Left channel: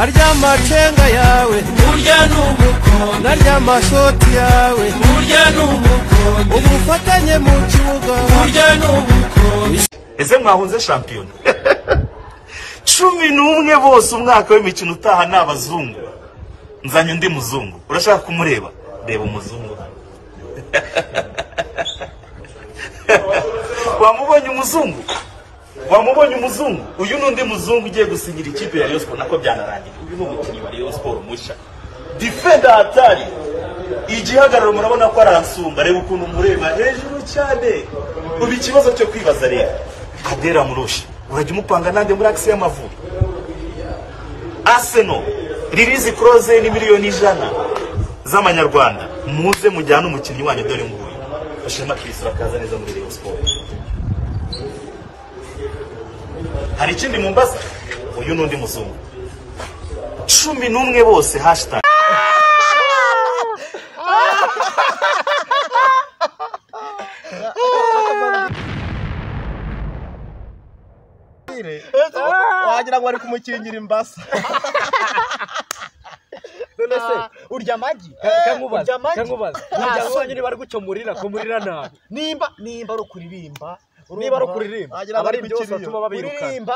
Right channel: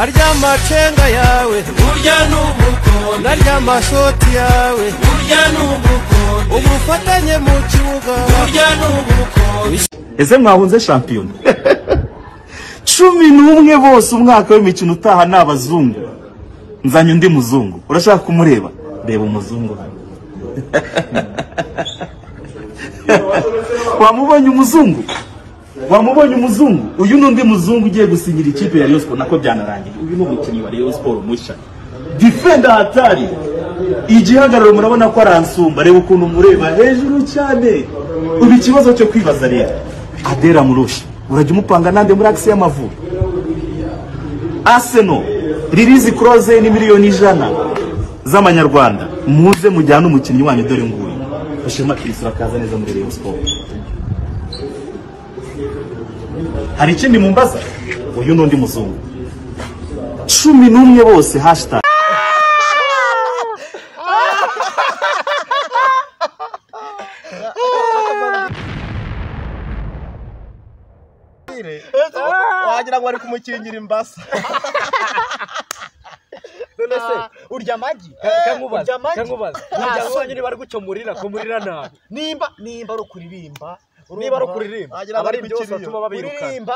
arya macenga yawe narya mashoti yawe ubufatanye mu kibuga ese mwahunze shampiyona 11 bose umwaka w'imikino utaha n'abazungu nzanye undi muzungu urashaka kumureba reba umuzungu hano wamubonye umuzungu uyu nundi muzungu ugiye gusinyira ikipe ya Rayon Sport nako byanarangiye uyu ni umukinnyi wa Rayon Sport musha defender hatari igihagararo murabona ko aransumba reba ukuntu mureba hejuru cyane ubi kibazo cyo kwibaza rero Adera Murushi urajya umupanga nande muri axe y'amavubi Arsenal release close ni miliyoni 100 z'amanyarwanda muze mujyana umukinnyi wanyu dore nguyu Ashema Kristo akaza neza muri Rayon Sport hari ikindi mumbaza uyu nundi muzungu 11 bose hashtag wagira ngo ari kumukingira imbasa none se urya amagi kankubaza urya sonye niba ari gucomurira kumurira nabi nimba ari kuririmba abari byose batuma babirukana